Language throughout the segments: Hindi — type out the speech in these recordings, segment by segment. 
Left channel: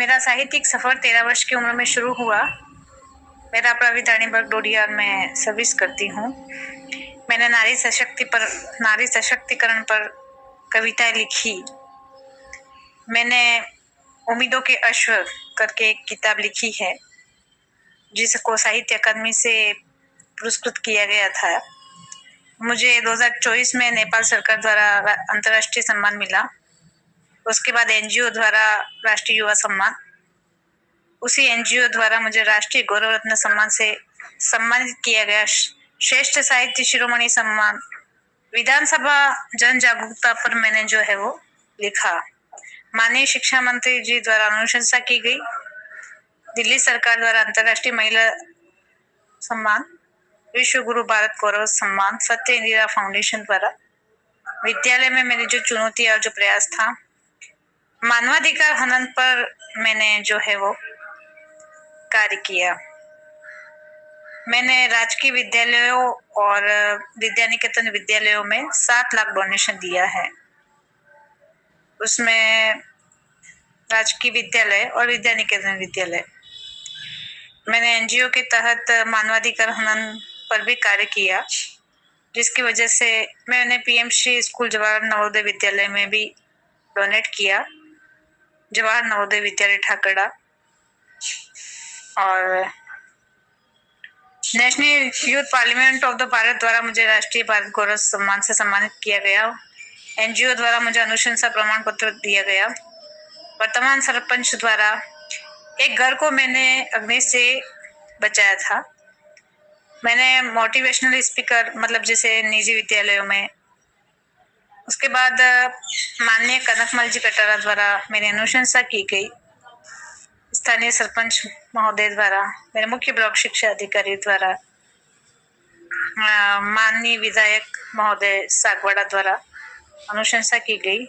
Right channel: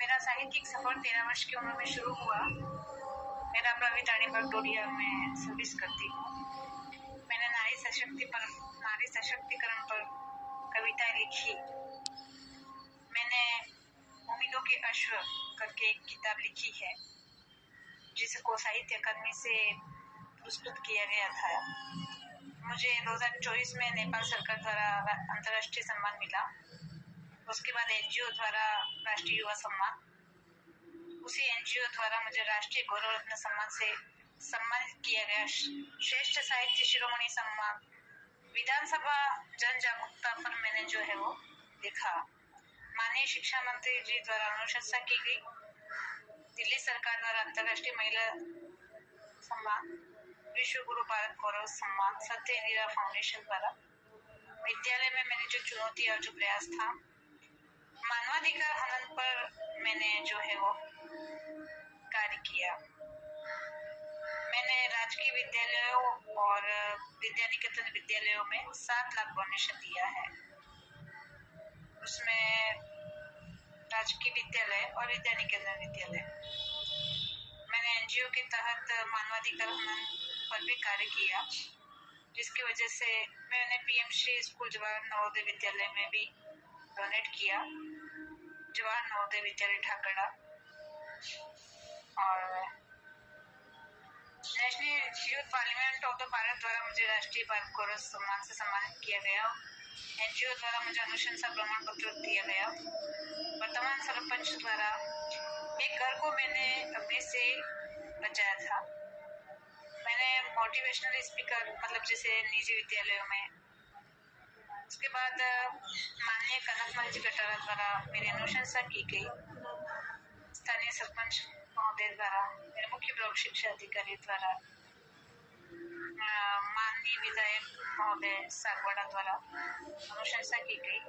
मेरा साहित्यिक सफर 13 वर्ष की उम्र में शुरू हुआ। मेरा प्राविधानी बगडोडिया में सर्विस करती हूँ। मैंने नारी सशक्तिकरण पर कविताएं लिखी। मैंने उम्मीदों के अश्व करके एक किताब लिखी है जिसको साहित्य अकादमी से पुरस्कृत किया गया था। मुझे 2024 में नेपाल सरकार द्वारा अंतर्राष्ट्रीय सम्मान मिला। उसके बाद एनजीओ द्वारा राष्ट्रीय युवा सम्मान, उसी एनजीओ द्वारा मुझे राष्ट्रीय गौरव रत्न सम्मान से सम्मानित किया गया। श्रेष्ठ साहित्य शिरोमणि सम्मान, विधानसभा जन जागरूकता पर मैंने जो है वो लिखा। माननीय शिक्षा मंत्री जी द्वारा अनुशंसा की गई। दिल्ली सरकार द्वारा अंतर्राष्ट्रीय महिला सम्मान, विश्व गुरु भारत गौरव सम्मान, सत्य इंदिरा फाउंडेशन द्वारा विद्यालय में मेरी जो चुनौती और जो प्रयास था, मानवाधिकार हनन पर मैंने जो है वो कार्य किया। मैंने राजकीय विद्यालयों और विद्यानिकेतन विद्यालयों में 7 लाख डोनेशन दिया है। उसमें राजकीय विद्यालय और विद्यानिकेतन विद्यालय, मैंने एनजीओ के तहत मानवाधिकार हनन पर भी कार्य किया, जिसकी वजह से मैंने पीएमश्री स्कूल जवाहर नवोदय विद्यालय में भी डोनेट किया। जवाहर नवोदय विद्यालय ठाकड़ा और national youth parliament of the Bharat द्वारा मुझे राष्ट्रीय भारत गौरव सम्मान से सम्मानित किया गया। एनजीओ द्वारा मुझे अनुशंसा प्रमाण पत्र दिया गया। वर्तमान सरपंच द्वारा एक घर को मैंने अग्नि से बचाया था। मैंने मोटिवेशनल स्पीकर मतलब जैसे निजी विद्यालयों में। उसके बाद माननीय कनकमल जी कटारा द्वारा मेरी अनुशंसा की गई। स्थानीय सरपंच महोदय द्वारा, मेरे मुख्य ब्लॉक शिक्षा अधिकारी द्वारा, माननीय विधायक महोदय सागवाड़ा द्वारा अनुशंसा की गई।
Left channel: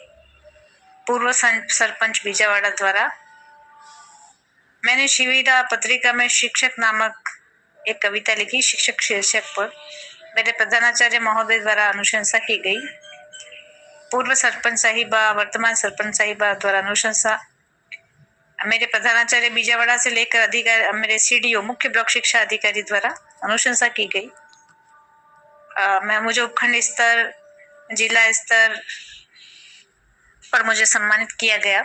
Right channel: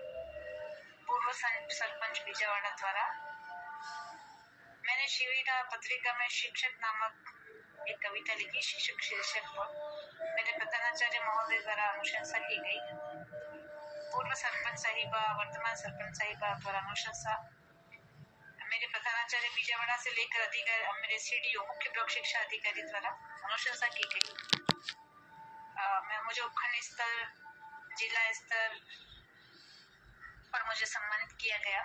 पूर्व सरपंच बीजावाड़ा द्वारा मैंने शिविरा पत्रिका में शिक्षक नामक एक कविता लिखी, शिक्षक शीर्षक पर। मेरे प्रधानाचार्य महोदय द्वारा अनुशंसा की गई। पूर्व सरपंच साहिबा, वर्तमान सरपंच साहिबा द्वारा अनुशंसा। मेरे प्रधानाचार्य बीजावाड़ा से लेकर अधिकारी, मेरे सीडीओ मुख्य ब्लॉक शिक्षा अधिकारी द्वारा अनुशंसा की गई। मुझे उपखंड स्तर, जिला स्तर पर मुझे सम्मानित किया गया।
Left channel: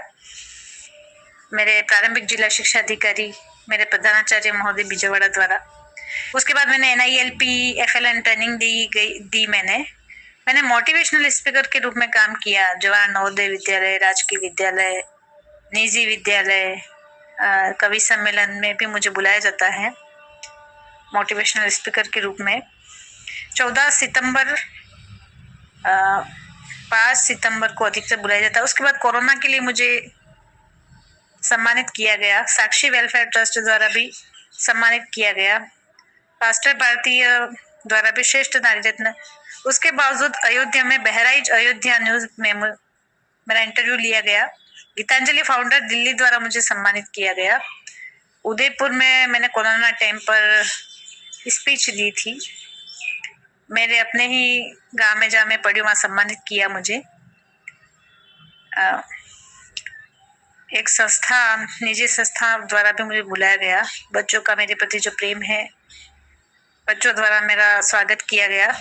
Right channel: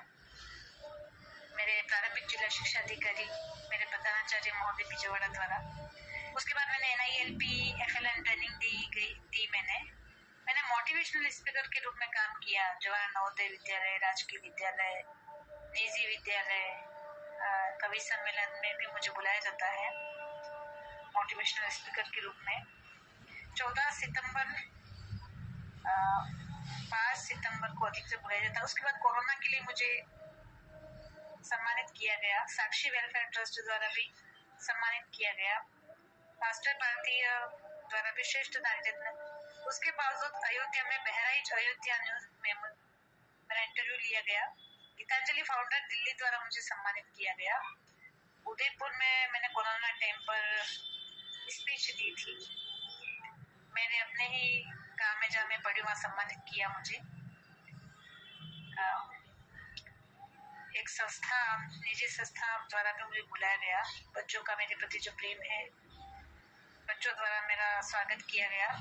मेरे प्रारंभिक जिला शिक्षा अधिकारी, मेरे प्रधानाचार्य महोदय बीजावाड़ा द्वारा। उसके बाद मैंने NILP FLN ट्रेनिंग दी। मैंने मोटिवेशनल स्पीकर के रूप में काम किया। जवाहर नवोदय विद्यालय, राजकीय विद्यालय, निजी विद्यालय, कवि सम्मेलन में भी मुझे बुलाया जाता है मोटिवेशनल स्पीकर के रूप में। 5 सितंबर को अधिकतर बुलाया जाता है। उसके बाद कोरोना के लिए मुझे सम्मानित किया गया। साक्षी वेलफेयर ट्रस्ट द्वारा भी सम्मानित किया गया। पास्टर भारतीय द्वारा भी श्रेष्ठ नारी रत्न। उसके बावजूद अयोध्या में बहराइच अयोध्या न्यूज में मेरा इंटरव्यू लिया गया। गीतांजलि फाउंडर दिल्ली द्वारा मुझे सम्मानित किया गया। उदयपुर में मैंने कोरोना टाइम पर स्पीच दी थी। मेरे अपने ही गांव में जहाँ मैं पढ़ी वहां सम्मानित किया मुझे। एक संस्था, निजी संस्था द्वारा भी मुझे बुलाया गया। बच्चों का मेरे प्रति जो प्रेम है, बच्चों द्वारा मेरा स्वागत किया गया।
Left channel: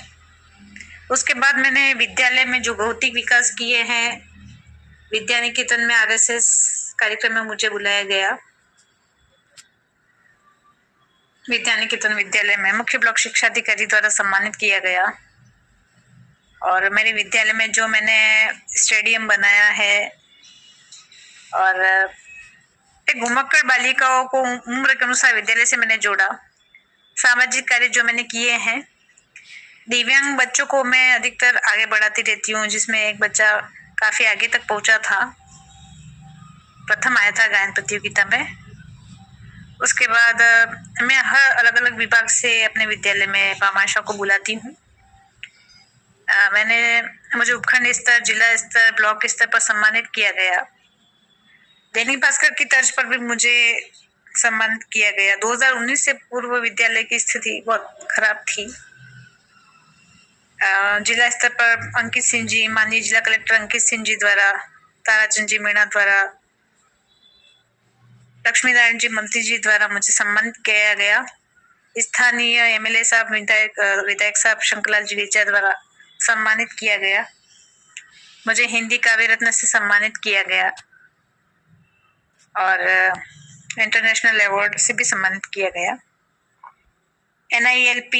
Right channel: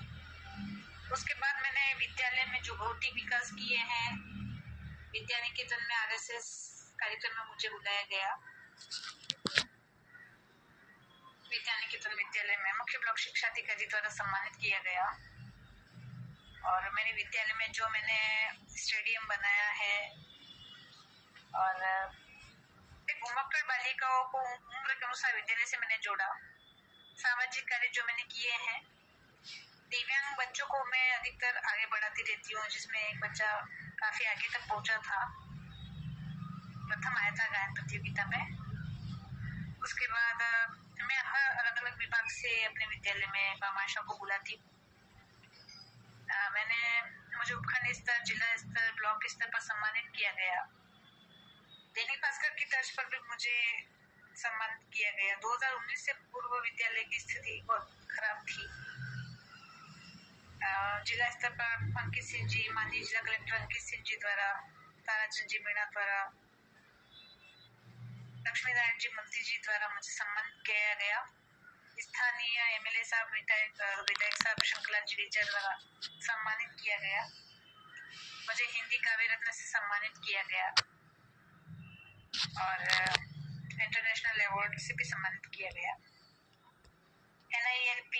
उसके बाद मैंने विद्यालय में जो भौतिक विकास किए हैं, विद्यानिकेतन में RSS कार्यक्रम में मुझे बुलाया गया। विद्यानिकेतन विद्यालय में मुख्य ब्लॉक शिक्षा अधिकारी द्वारा सम्मानित किया गया। और मेरे विद्यालय में जो मैंने स्टेडियम बनाया है और एक घुमक्कड़ बालिकाओं को उम्र के अनुसार विद्यालय से मैंने जोड़ा। सामाजिक कार्य जो मैंने किए हैं, दिव्यांग बच्चों को मैं अधिकतर आगे बढ़ाती रहती हूँ, जिसमें एक बच्चा काफी आगे तक पहुंचा था, प्रथम आया था गायन प्रतियोगिता में। उसके बाद मैं हर अलग अलग विभाग से अपने विद्यालय में पामाशा को बुलाती हूँ। मुझे उपखंड स्तर, जिला स्तर, ब्लॉक स्तर पर सम्मानित किया गया। दैनिक भास्कर की तर्ज पर भी मुझे सम्मानित किया गया। 2019 से पूर्व विद्यालय की स्थिति बहुत खराब थी। जिला स्तर पर अंकित सिंह जी, माननीय जिला कलेक्टर अंकित सिंह जी द्वारा, ताराचंद जी मीणा द्वारा लक्ष्मी नारायण जी मंत्री जी द्वारा मुझे सम्मानित किया गया। स्थानीय एमएलए साहब विधायक साहब शंकरलाल जिगीचा द्वारा सम्मानित किया गया। मुझे हिंदी काव्य रत्न से सम्मानित किया गया और इंटरनेशनल अवार्ड से भी सम्मानित किया गया। NILP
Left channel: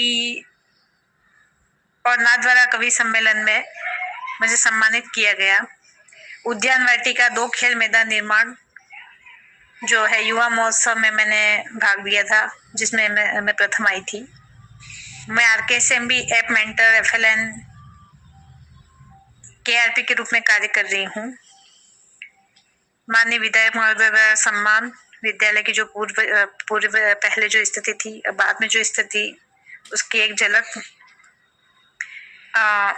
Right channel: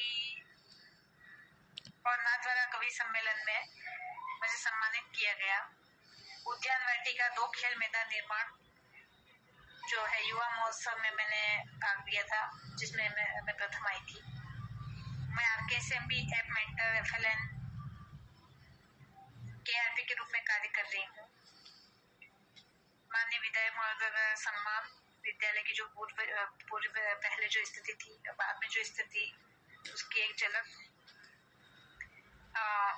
और नाथद्वारा कवि सम्मेलन में मुझे सम्मानित किया गया। उद्यान वाटिका 2 खेल मैदान निर्माण जो है युवा महोत्सव में मैंने भाग लिया था, जिसमें मैं प्रथम आई थी। मैं RKSMB app mentor FLN KRP के रूप में कार्य कर रही हूँ। माननीय विधायक महोदय द्वारा सम्मान विद्यालय की जो पूर्व पहले जो स्थिति थी, बाद में जो स्थिति, उसकी एक झलक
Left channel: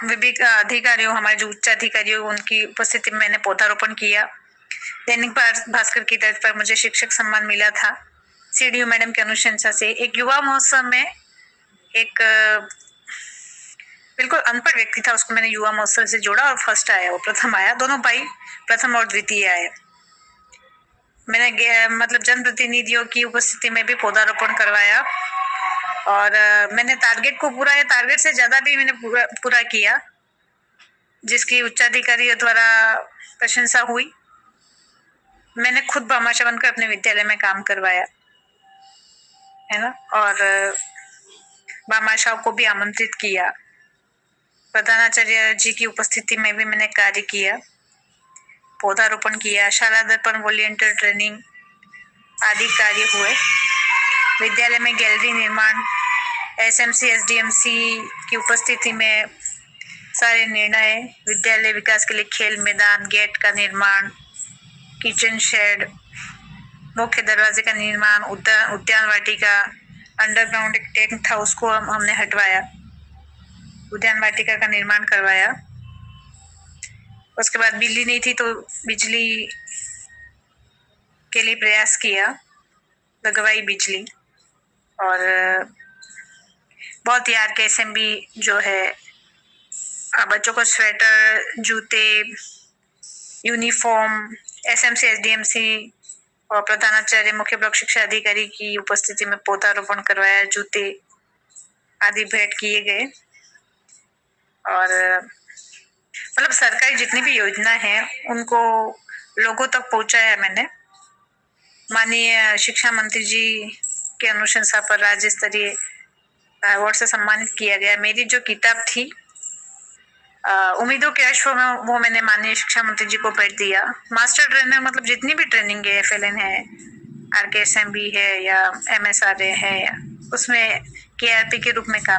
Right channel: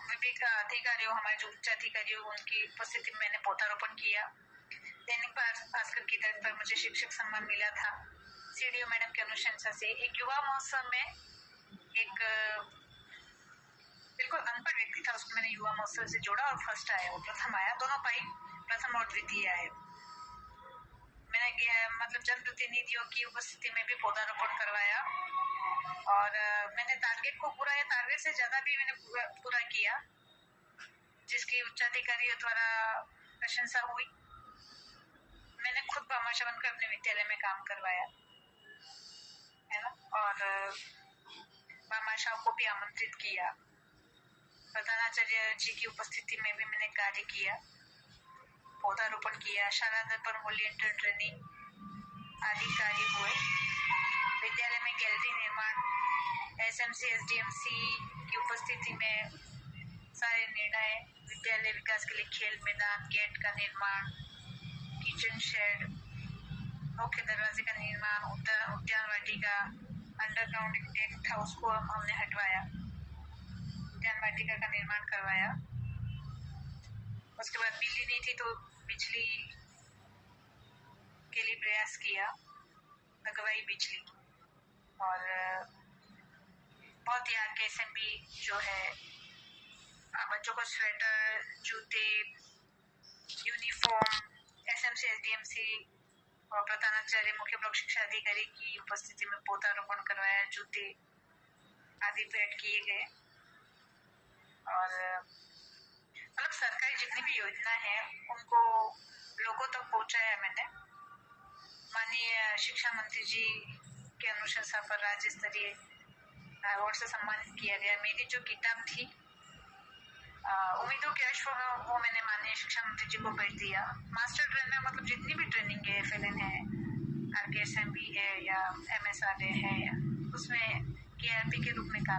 विभिन्न अधिकारियों, हमारे जो उच्च अधिकारियों, उनकी उपस्थिति में मैंने पौधारोपण किया। दैनिक भास्कर की तर्ज पर मुझे शिक्षक सम्मान मिला था CDO मैडम की अनुशंसा से। एक युवा महोत्सव में एक बिल्कुल अनपढ़ व्यक्ति था, उसको मैंने युवा महोत्सव से जोड़ा और फर्स्ट आया, वो प्रथम आया। दोनों भाई प्रथम और द्वितीय आए। मैंने मतलब जनप्रतिनिधियों की उपस्थिति में भी पौधारोपण करवाया और मैंने टारगेट को पूरा या टारगेट से ज्यादा भी मैंने पूरा किया, जिसकी उच्चाधिकारियों द्वारा प्रशंसा हुई। मैंने खुद भामाशाह बनकर अपने विद्यालय में काम करवाया है ना, और भामाशाह को भी आमंत्रित किया। प्रधानाचार्य जी की उपस्थिति में भी मैंने कार्य किया, पौधारोपण किया, शाला दर्पण वॉलंटियर ट्रेनिंग आदि कार्य हुए। विद्यालय में गैलरी निर्माण, SMC SDMC की उपस्थिति में सारे निर्णय, विद्यालय विकास के लिए खेल मैदान, गेट का निर्माण, किचन शेड, मुख्य दरवाजे का निर्माण, उद्यान वाटिका, अंडरग्राउंड एक टैंक था, उसको हमने हटवाया, उद्यान वाटिका का निर्माण करवाया। उसके बाद बिजली नहीं थी तो बिजली के लिए प्रयास किया, लगवाई बिजली। और बहुत ही RKSMB जो है बच्चों को स्वेटर, जूते, यूनिफॉर्म, SMC SDMC और प्रधानाचार्य मुख्य ब्लॉक शिक्षा अधिकारी की उपस्थिति में पौधारोपण करवाया, जूते आदि भेंट किए गए। और मतलब सरकारी जितनी भी योजना है उनको लोगों तक पहुंचाया मैंने। माननीय शिक्षा मंत्री जी के अनुशंसा पर राज्य स्तरीय अवार्ड से सम्मानित किया गया। मेरी जो किताब थी उम्मीदों के अश्व में, वो मैंने माननीय शिक्षा मंत्री जी को भेज दिया। मास्टर ट्रेनर मतलब जितनी भी ट्रेनिंग है, FLN है, RKSMB है या MSRA है, उसमें KRP के रूप में काम